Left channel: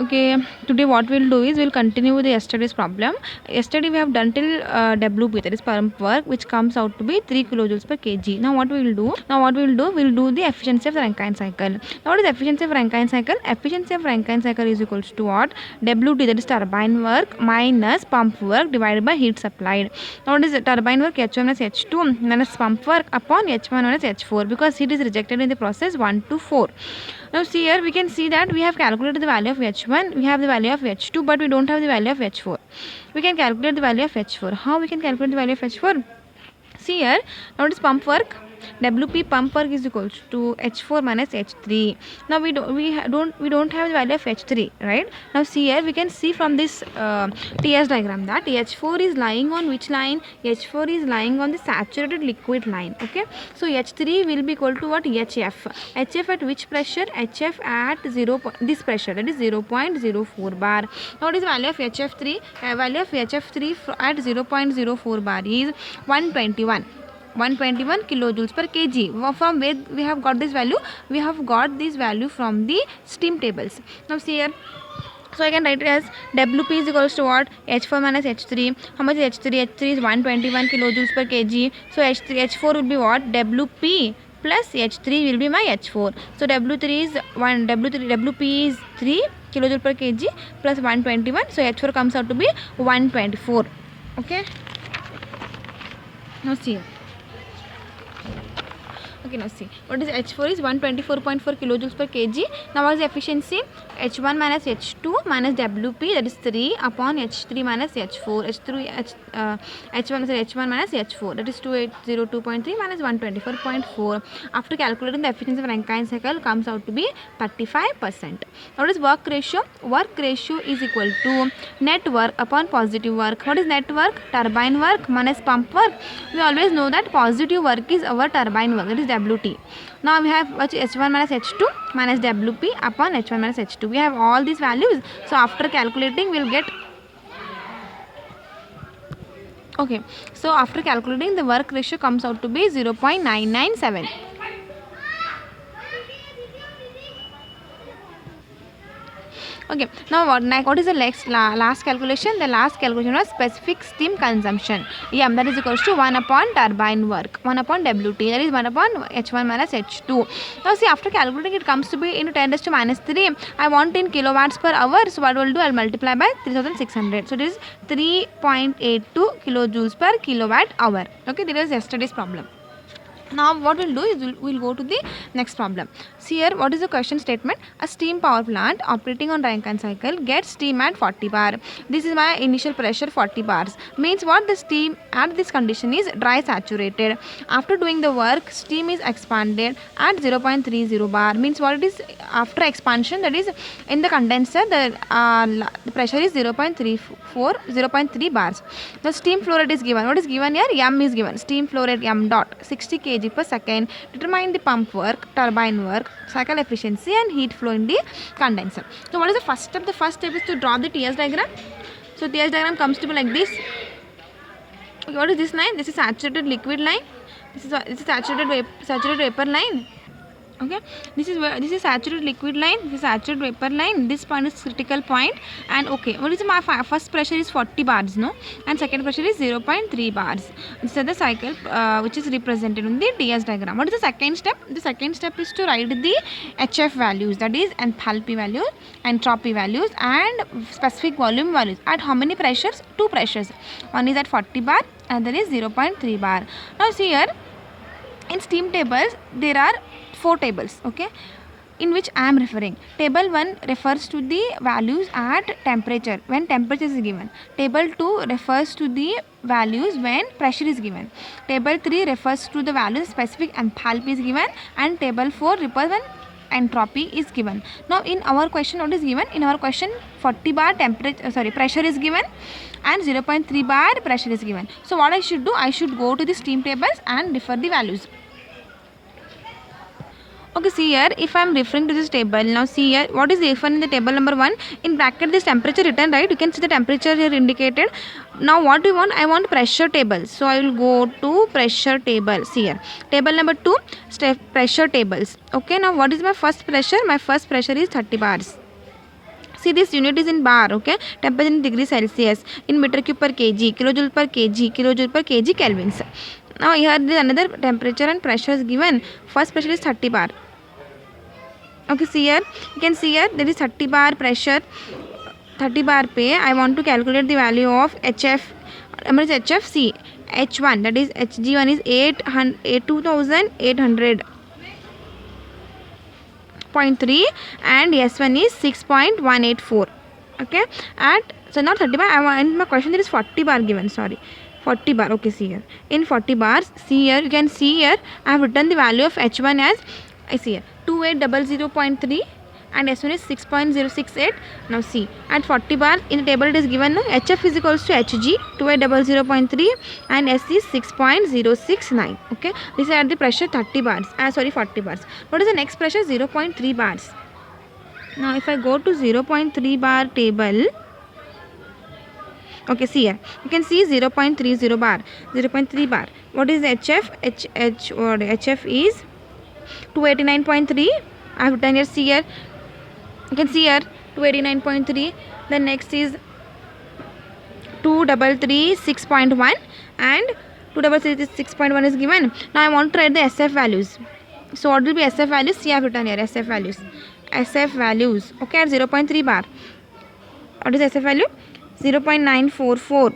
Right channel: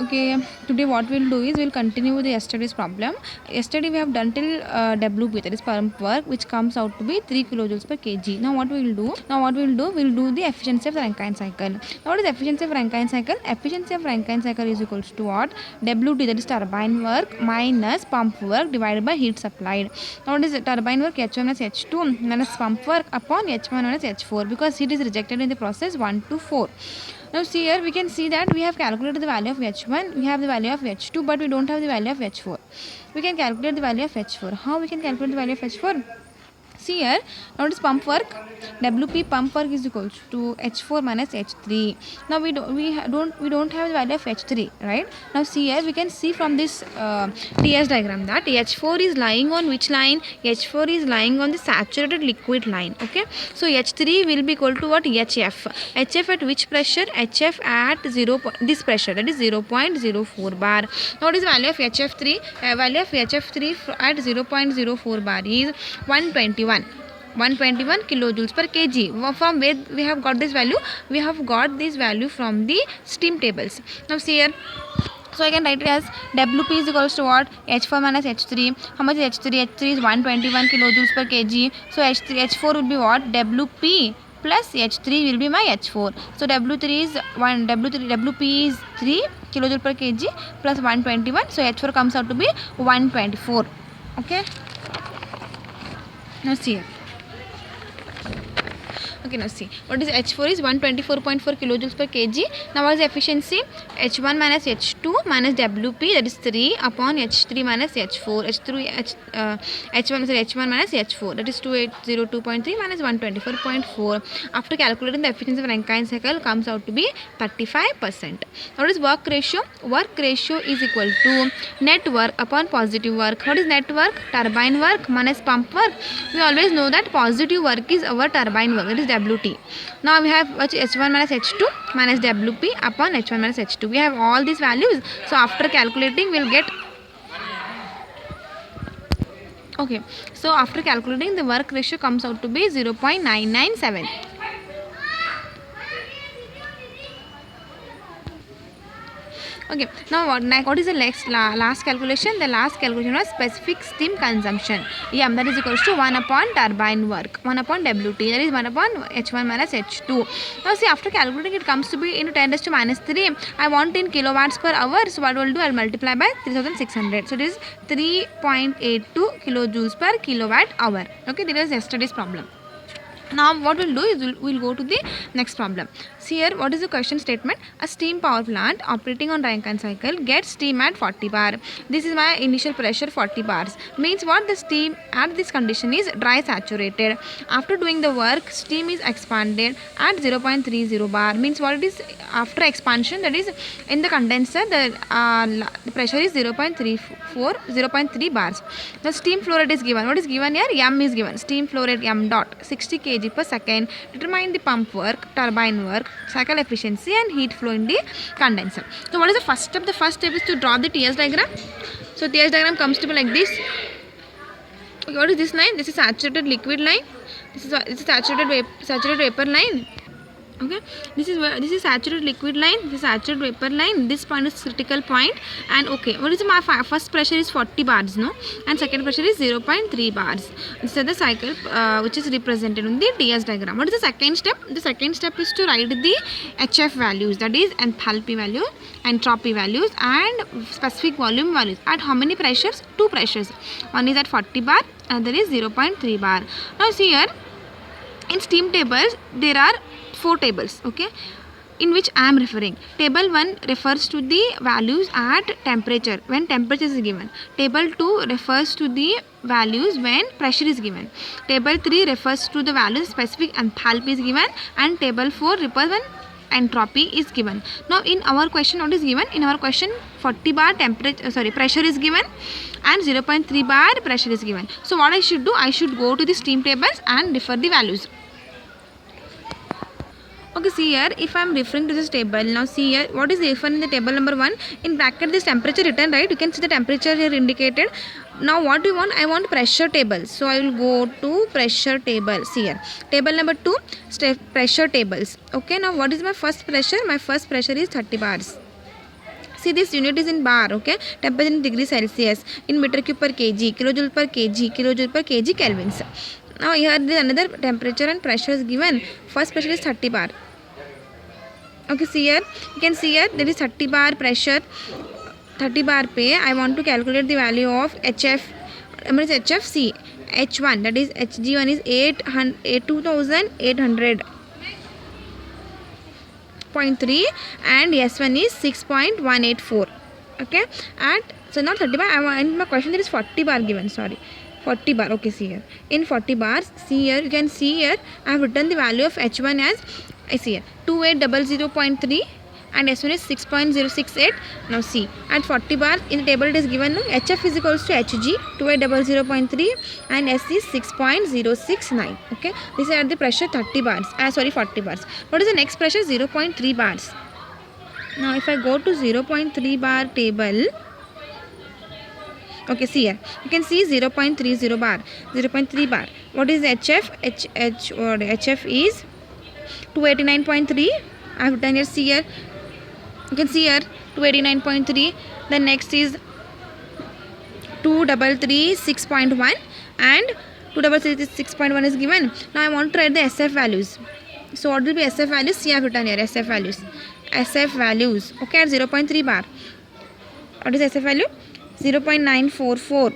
Okay, today what we'll do is we'll continue with the yesterday's problem. Yesterday we have done till WP, that is pump work, which comes out to be 3 kilojoules per kg. Now what we will do? We'll do the efficiency of the Rankine cycle. Now what is efficiency of Rankine cycle? Efficiency of Rankine cycle is equals to what? WT, that is turbine work, minus pump work divided by heat supplied. Now what is the turbine work? H1 minus H2 minus pump work upon H1 minus H4, because heat is rejected in the process 1 to 4. Now see here, we can see that we have calculated the value of H1, we have the value of H2, but we don't have the value of H4. We can calculate the value of H4. How we can calculate the value of H4? See here, now it is pump work. WP pump work is equals to H4 minus H3. Now we don't have the value of H3, right? Now see here, we can see from this TS diagram that H4 is lying on which line? H4 is lying on the saturated liquid line. Okay, so H3 will be equal to what? HF. HF at which pressure? HF at this pressure, that is 0.04 bar. Now what is the value of HF3? Value of HF3 at 0.04 bar is 121 kilojoules per kg. From where we have got this value? We have got this value from the steam tables. Now see here, so I can write it as WP is equals to what? H4 minus H3. How much is H3? H3 is 121 kilojoules per kg. So H4 will be what? WP plus H3 will be my H4. So WP is 3 kilojoules per kg plus 121. So H4 comes out to be 124. Okay. Now see here. Okay, now see, what is H4 is 124.4 kilojoules per kg. Now what is the efficiency? H1 minus H2 minus WP, that is 3 upon H3 minus H4. H1 minus H4, that is 2802.3 minus 124.4. After calculating the efficiency of Rankine cycle, comes out to be 35%. Now what is work ratio? Work ratio is equal to net work upon positive work. What is net work? Turbine work minus pump work. We always know that positive work is our turbine work, that is WT. Now we have H1 minus H2 minus WP upon H1 minus H2. We have all these values. So after calculating, we'll get. Okay. So after calculating, the work ratio comes out to be 0.997. Okay, now what is the last calculation? The last calculation was specific steam consumption. That is equals to 1 upon turbine work, 1 upon WT, that is 1 upon H1 minus H2. Now see, after calculating, it comes to be into 10 raised to minus 3. I want in kilowatts per hour. So what will do? I'll multiply by 3600. So it is 3.82 kilojoules per kilowatt hour. Okay, that is yesterday's problem. Now what we'll do is we'll go to the next problem. See here, what is the question statement? A steam power plant operating on Rankine cycle gets steam at 40 bar. This is my initial pressure 40 bars. Means what? The steam at this condition is dry saturated. After doing the work, steam is expanded at 0.30 bar. Means what it is? After expansion, that is in the condenser, the pressure is 0.3 bars. The steam flow rate is given. What is given here? M is given. Steam flow rate M dot 60 kg per second. Determine the pump work, turbine work, cycle efficiency and heat flow in the condenser. So what is the first step? The first step is to draw the TS diagram. So TS diagram comes to be like this. What is this line? This is saturated liquid line. This is saturated vapor line. Okay, this is saturated liquid line, this is saturated vapor line, this point is critical point. And okay, what is my first pressure is 40 bars, no, and second pressure is 0.3 bars. This is the cycle which is represented in the TS diagram. What is the second step? The second step is to write the HF values, that is enthalpy value, entropy values and specific volume values. At how many pressures? 2 pressures. One is at 40 bar and there is 0.3 bar. Now see here, in steam tables there are 4 tables, okay, in which I am referring. Table 1 refers to the values at temperature when temperature is given. Table 2 refers to the values when pressure is given. Table 3 refers to the values specific enthalpy is given, and table 4 refers when entropy is given. Now in our question, what is given? In our question, 40 bar pressure is given and 0.3 bar pressure is given. So what I should do? I should go to the steam tables and refer the values. Okay, see here, if I am referring to this table, now see here, what is given in the table number 1? In bracket, this temperature written, right? You can see the temperature here indicated. Now what do you want? I want pressure table. So I will go to pressure table. See here, table number 2, pressure tables. Okay, now what is my first pressure? My first pressure is 30 bars. See, this unit is in bar, okay? Temperature in degree Celsius, in meter cube per kg, kilojoule per kg, kelvins. Now here there is another temperature and pressure is given. First pressure is 30 bar. Okay, see here, you can see here there is 30 bar pressure. 30 bar पे I want to calculate the value of HF. HF, see, H1, that is Hg1 is 2800.3 and S1 is 6.184. Okay, at so not 30 bar, I want in my question there is 40 bar given, sorry, 40 bar. Okay, see here, in 40 bars, see here, you can see here I have written the value of H1 as, I see here 2800.3 and S1 is 6.068. Now see, at 40 bar in the table it is given HF is equals to Hg 2800.3 and S is 6.069. okay, this is at the pressure 30 bars, 40 bars. What is the next pressure? 0.3 bars. Now if I go to 0.3 bar table, okay, see here, you can see 0.30 bar, 0.3 bar. What is HF? HF is 289.3. I have written here, see here, you can see here 289.3. Then next is 2336.1 and 2336.1 is given. Now I want to write the SF values. So what will be SF values? See, I have written here SF values. SF values, okay, at 0.3 bar. What is SF value? 0.944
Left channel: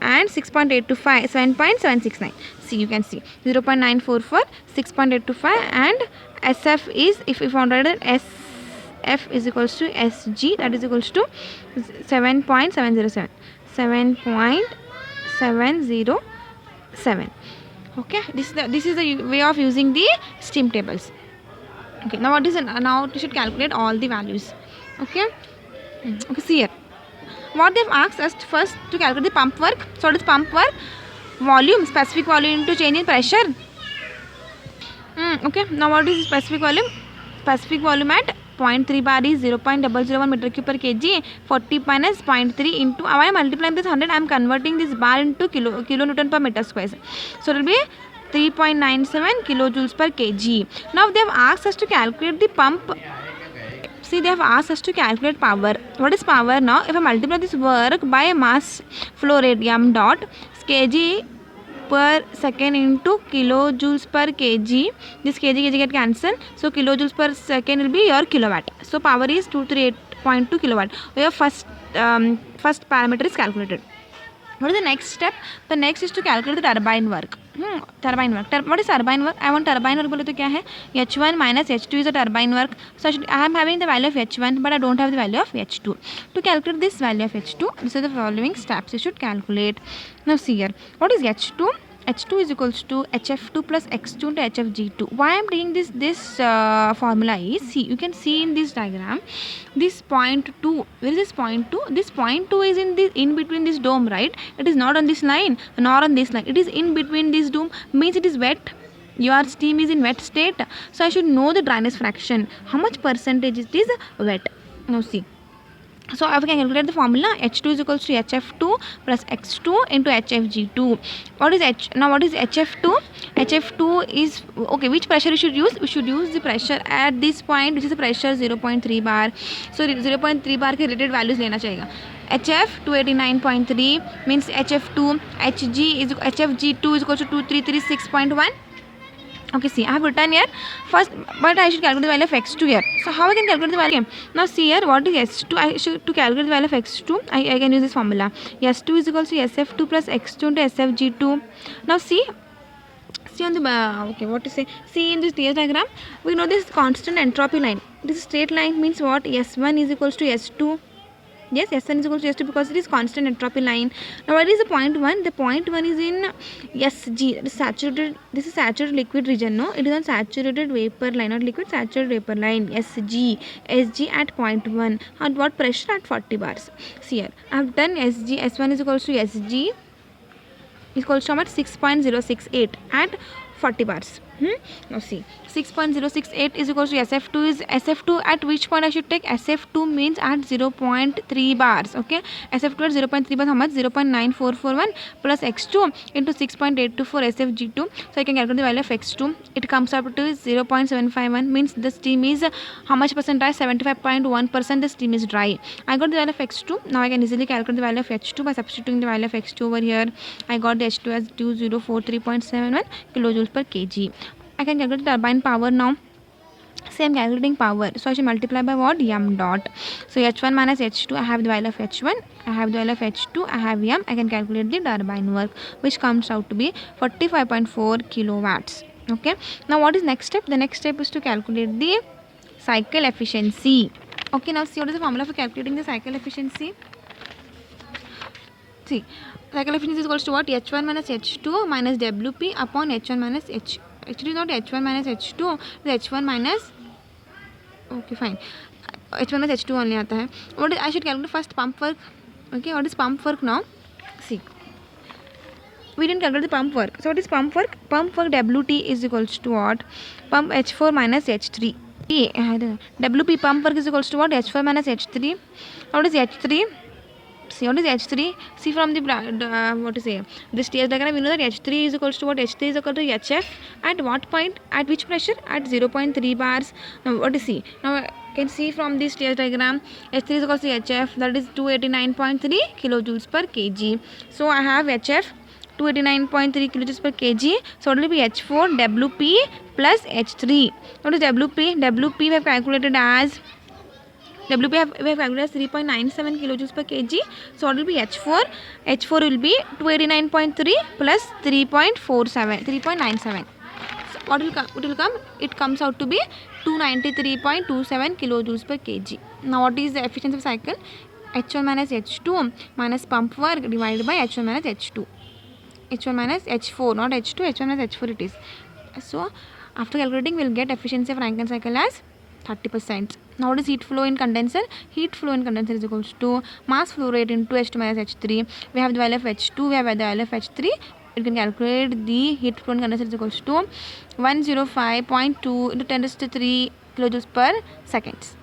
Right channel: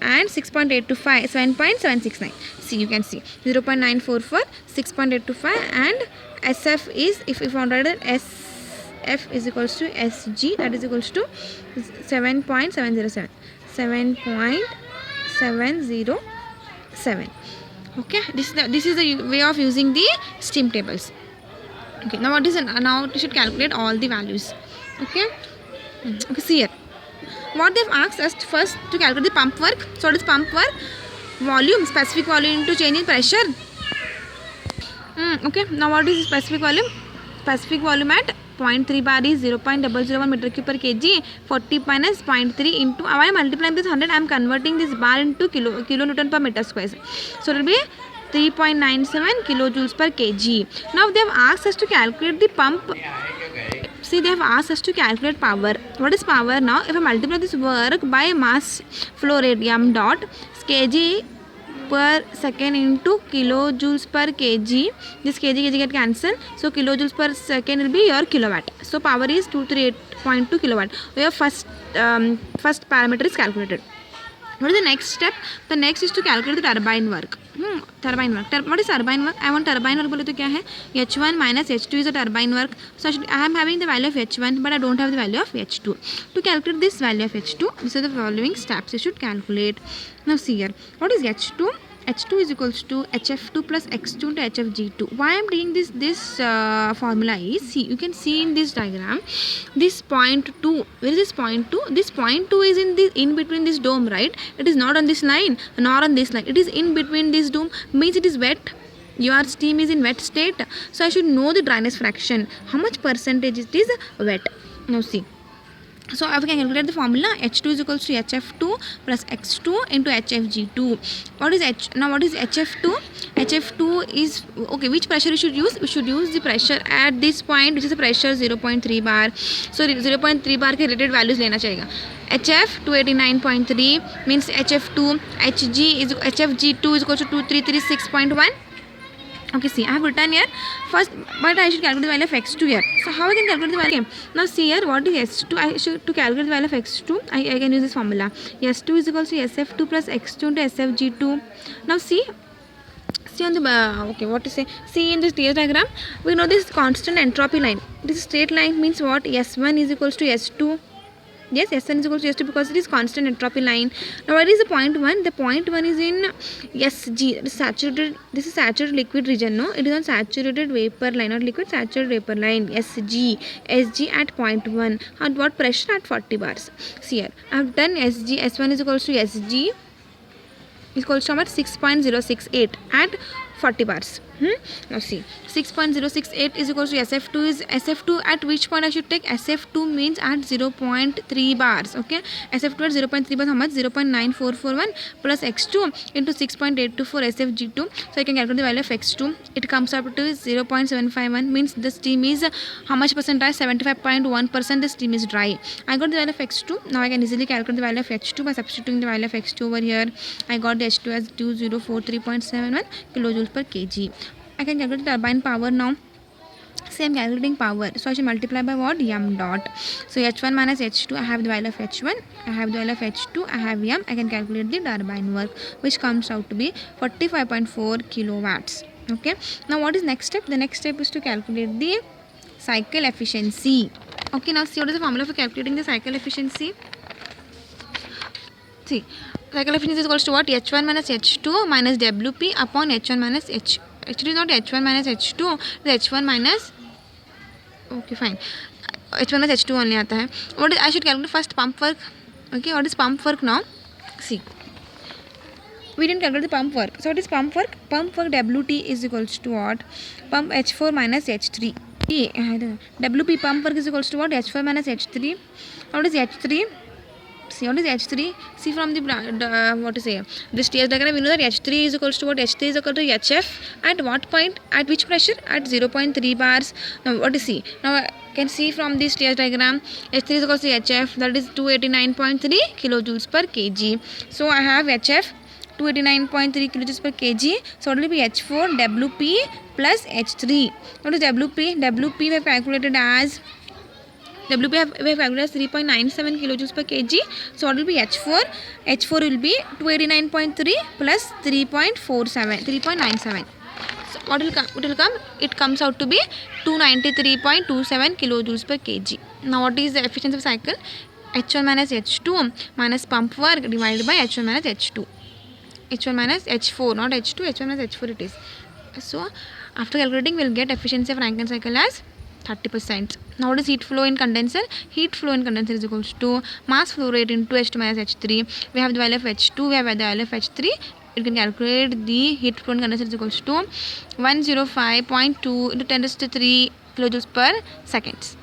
and 6.825, 7.769. See, you can see 0.944, 6.825 and SF is, if you found out SF is equals to SG, that is equals to 7.707. 7.707. Okay, this is the way of using the steam tables. Okay, now now you should calculate all the values. Okay, okay, see here. What they've asked us first to calculate the pump work. So what is pump work? Volume, specific volume into change in pressure. Okay, now what is specific volume? Specific volume at 0.3 bar is 0.001 meter cube per kg. 40 minus 0.3 into, I am multiplying this 100, I am converting this bar into kilonewton per meter square. So it will be 3.97 kilojoules per kg. Now they have asked us to calculate the pump. See, they have asked us to calculate power. What is power now? If I multiply this work by mass flow rate m dot kg per second into kilojoules per kg, this kg get cancelled. So kilojoules per second will be your kilowatt. So power is 238.2 kilowatt. Your first parameter is calculated. What is the next step? The next is to calculate the turbine work. Turbine work. What is turbine work? I want turbine work. बोले तो क्या है? H1 minus H2 is a turbine work. So I am having the value of H1, but I don't have the value of H2. To calculate this value of H2, these are the following steps you should calculate. Now see here. What is H2? H2 is equals to HF2 plus X2 into HFG2. Why I am taking this formula is, see, you can see in this diagram, this point 2. Where is this point 2? This point 2 is in between this dome, right? It is not on this line nor on this line. It is in between this dome, means it is wet. Your steam is in wet state. So I should know the dryness fraction. How much percentage it is wet? Now see. So I can calculate the formula. H2 is equals to HF2 plus X2 into HFG2. What is Now what is HF2? HF2 is, okay, which pressure you should use? We should use the pressure at this point, which is the pressure 0.3 bar. So 0.3 bar के related values लेना चाहिए. HF 289.3 means HF2. HFG2 is equals to 2336.1. Okay, see, I have written here first, but I should calculate the value of X2 here. So how I can calculate the value? Now see here, what is S2? I should, to calculate the value of X2, I can use this formula. S2 is equals to SF2 plus X2 into SFG2. Now see on the okay, what to say? See in this TS diagram, we know this constant entropy line. This straight line means what? S1 is equals to S2. Yes, S1 is equal to S2 because it is constant entropy line. Now what is the point 1? The point 1 is in SG, saturated. This is saturated liquid region, no? It is on saturated vapor line, not liquid, saturated vapor line. SG at point 1. At what pressure? At 40 bars. See here, I have done SG. S1 is equals to SG is equals to 6.068 at 40 bars. Now see, 6.068 is equals to SF2 is SF2 at which point I should take? SF2 means at 0.3 bars. Okay, SF2 at 0.3 bars, how much? 0.9441 plus x2 into 6.824 SFG2. So I can calculate the value of x2. It comes up to 0.751, means the steam is how much percent dry? 75.1% the steam is dry. I got the value of x2. Now I can easily calculate the value of h2 by substituting the value of x2 over here. I got the h2 as 2043.71 kilojoules per kg. I can calculate the turbine power now. Same calculating power, so I should multiply by what? M dot. So h1 minus h2, I have the value of h1, I have the value of h2, I have m. I can calculate the turbine work, which comes out to be 45.4 kilowatts. Okay, now what is next step? The next step is to calculate the cycle efficiency. Okay, now see what is the formula for calculating the cycle efficiency. See, cycle efficiency is equals to what? H1 minus H2 minus WP upon H1 minus H. Actually, not H1 minus H2, it's H1 minus. Okay, fine. H1 minus H2 only आता है. What is, I should calculate first pump work. Okay, what is pump work now? See, we didn't calculate the pump work. So what is pump work? Pump work WT is equals to what? Pump H4 minus H3. WP pump work is equals to what? H4 minus H3. What is H3? See, what is H3? See from the what to say, this TS diagram, we know that H3 is equals to what? H3 is equal to HF at what point? At which pressure? At 0.3 bars. Now what is C? Now I can see from this TS diagram, H3 is equals to HF, that is 289.3 kilojoules per kg. So I have HF 289.3 kilojoules per kg. So it will be H4 WP plus H3. What is WP? WP we have calculated as WP we have calculated as 3.97 kilojoules per kg. So what will be H4? H4 will be 289.3 plus 3.97. So what will come? It will come. It comes out to be 293.27 kilojoules per kg. Now what is the efficiency of cycle? H1 minus H2 minus pump work divided by H1 minus H2. H1 minus H4, not H2. H1 minus H4 it is. So after calculating, we will get efficiency of Rankine cycle as 30%. Now what is heat flow in condenser? Heat flow in condenser is equals to mass flow rate into H2 minus H3. We have the value of H2, we have the value of H3. You can calculate the heat flow in condenser is equals to 105.2 into 10 to 3 kilojoules per seconds.